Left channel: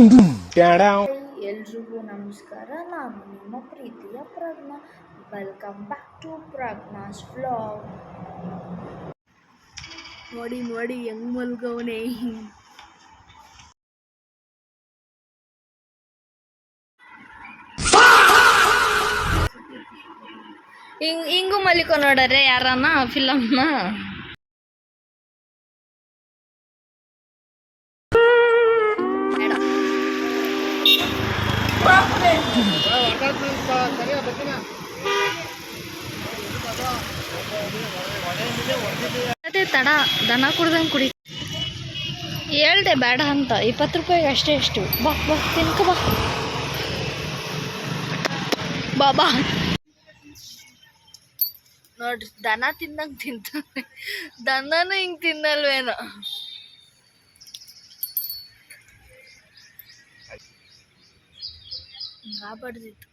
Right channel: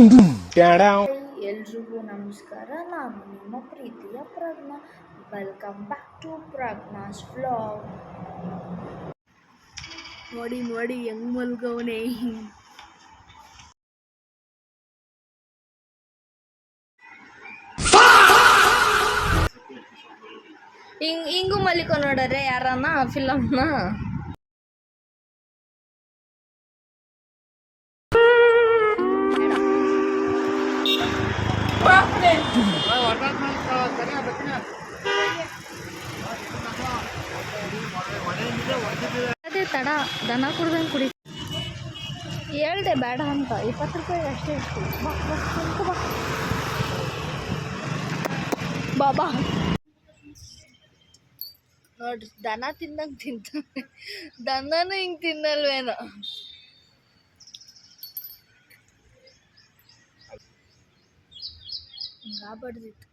ಎಲ್ರಿಗೂ ನಮಸ್ಕಾರ. ನಾನು ನಿಮ್ಮ ಪ್ರೀತಿಯ Prajna. Welcome back to Prajna's vlog. ನೋಡಿ ನೋಡಿ ಹೆಂಗ್ ಮಲ್ಗವನೆ. ಹಿಂಗೂ ಮಲಿಕೋ ನೋಡ್ರೆ ಯಾರನ್ನ ಫಿಲಮ್ನ. ಅದೇ ತಡ ದನ ಕುಡ್ದಂಗೆ ಕುಡಿ ಹೇಳ್ದೆ ಬೇಡ ಅಂತ. 20 ರೂಪಾಯಿಗೆ ಅಷ್ಟೇ. ಎಷ್ಟು ಬಾ ಬಾ ತಿನ್ಕ ಬಾ ಬಾಬಾ. ನೋಡ್ರಿ ದನ ತಿಂದಂಗೆ ತಿಂತಾನೆ. ದನನೂ ಹಿಂಗೆ ತಿನ್ನಲ್ವೇನೋ. ಹಿಂಗಾಗ್ಬಾರ್ದಿತ್ತು.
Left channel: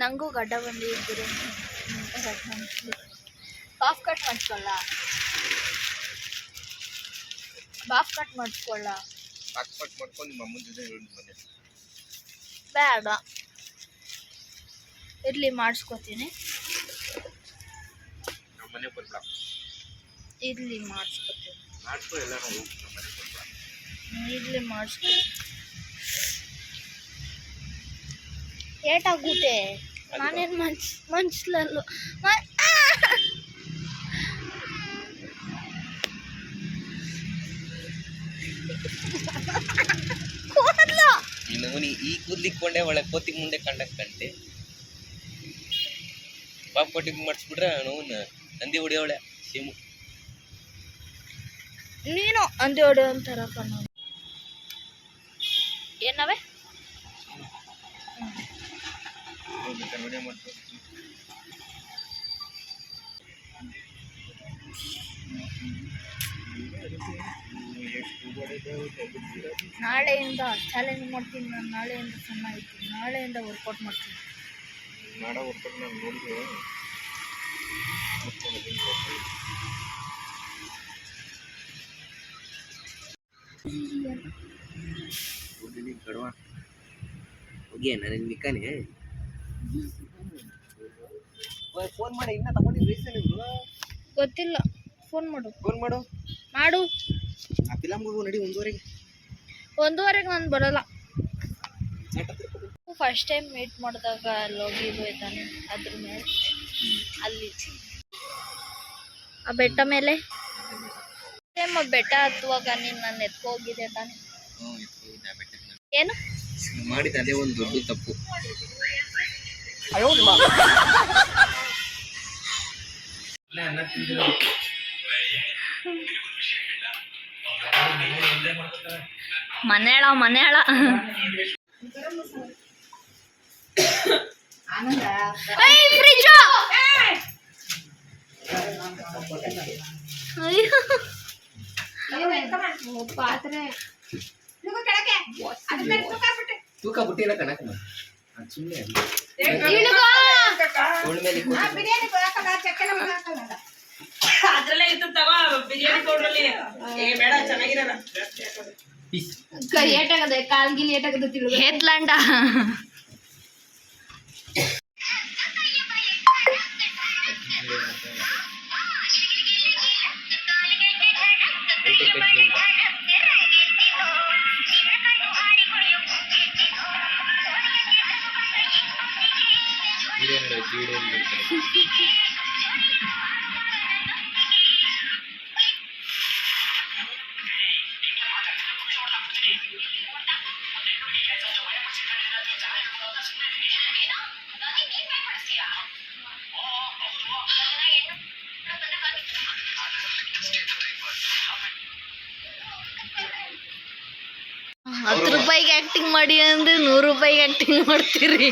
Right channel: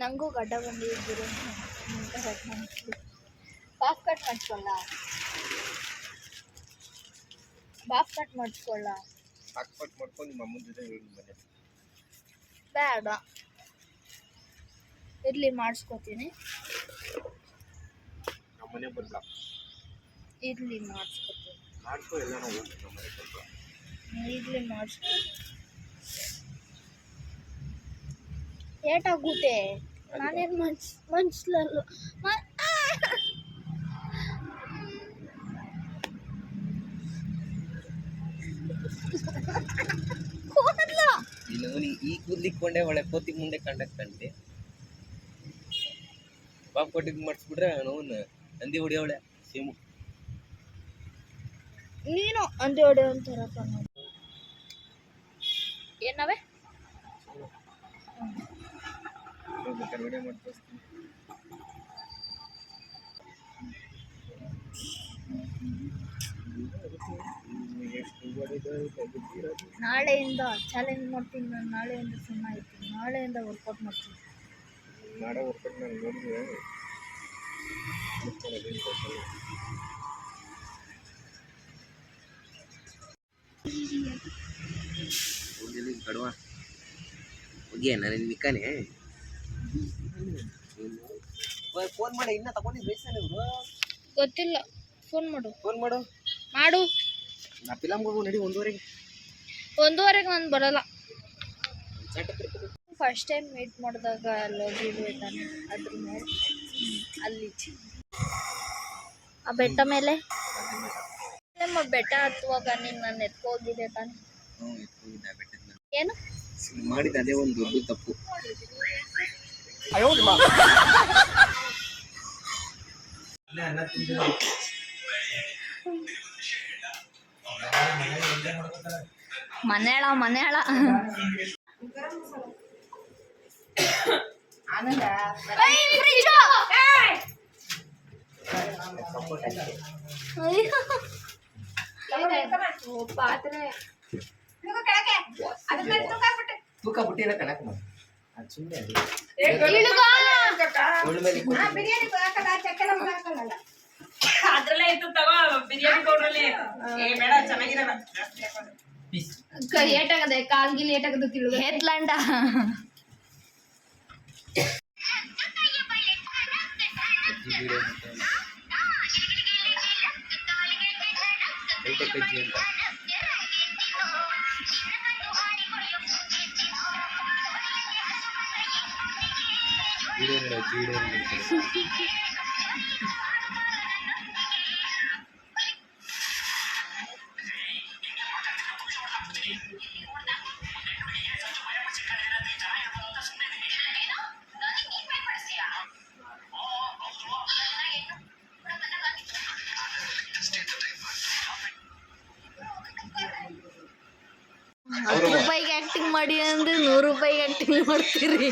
ನಂಗೂ ಗಡ್ಡ ಬಂದಿದ್ದೀರಿ. ಬಾಫ್ ಕಟ್ ಮಾಡಿಸ್ಕೊಳ್ಳ. ಬೇಡ ಇರ್ಲಿ, ಮಾಡಿಸ್ಕೊತೀನಿ. ಇರ್ಲಿ ಮಾಡಿಸ್ಕೊತೀನಿ. ಇರ್ಲಿ ಮಾಡಿಸ್ಕೊತೀನಿ. ಏಟಾಗುತ್ತೆ. ನಾನೇನು ಮನ್ಸ್ಲಲ್ಲು. ಈ ಕೂದ್ಲಿಕ್ಕೊಂಡೆ ಒಳ್ಳೆ ಕೋತಿ ಮುಂದೆ ಕಂಡೆ ಪಾಪ ಕೊಟ್ಟಿಗೆ ಮಾಡಿಸ್ಬಿಟ್ರೆ ನೋವನ್ನ ನಂದಿ ಹೊಡಿಯವಳೆ ಸೇಮು. ನೀನು ಅಂದಿ ಹೊಡೆ ಅಂತಾರ ಕಣ್ಣು. ಏನವೆ ನಾಳೆಯಿಂದ ಚಾಲೆಂಜ್ ಮಾಡ್ತೀನಿ. ನಾನು ನಾಳೆಯಿಂದ ಸಣ್ಣ ಆಯ್ತೀನಿ. ನಾಳೆಯಿಂದ ವರ್ಕೌಟ್ ಮಾಡ್ತೀನಿ. ಕಡುವ ಹೋಗ್ಯ ನಾನು ಮಿಕ್ಕಾನೆ ಫೋನ್ ಮಾಡಿ. ಇನ್ನ ತಗೊಂಡಿದ್ದು ಗೊತ್ತಿಲ್ಲ. ಫೋನ್ ಮಾಡು ನಾ ಫಿಲಮ್ಗೆ ಹೋಗು ನಡಿ. 1:30 ನಾನು ಬರಲ್ಲ. ಫಸ್ಟ್ ಟೈಮ್ ಮೀಟ್ ಮಾಡಿದಾಗ ಹೋಗಿದ್ವು ತಾನೆ, ಅದ್ರ ಮೇಲೆ ಅಲ್ಲಿ ಆ ಬೆಟ್ಟ ಮೇಲೆ ಬೆಟ್ಟ ಹತ್ತುವಾಗ ನೀನು ನನ್ನ ಎತ್ಕೋಗಿದ್ದೆ ತಾನೆ. ಏನು ಮಾಡಿದ ಅದೇ ಒಂದು ದೊಡ್ಡ ತಪ್ಪು. ಮನೆಯಾಳ ತೂಕ ಬುಟ್ಟಿನ ಕಣಕ ಸುಮ್ಮನೆ ಅದ್ರಲ್ಲೇ ಇತ್ತು ತಗೋ. ಬಿರಿಯಾನಿ ಪೌಡ್ರಲ್ಲಿ ಬೇಡ, ಚೆನ್ನಾಗಿರಲ್ಲ. ಏಟಾಗದೆ ಕಾಲ್ಗಿನ ಏಟಾಗದ ತಿಳು ಹೇತ್ಲಾಂಡ. ₹10 ಆಕ್ಟಿಂಗ್ ಮಾಡಿ ಅಂದ್ರೆ ₹100 ಆಕ್ಟಿಂಗ್ ಮಾಡ್ತೀರಿ.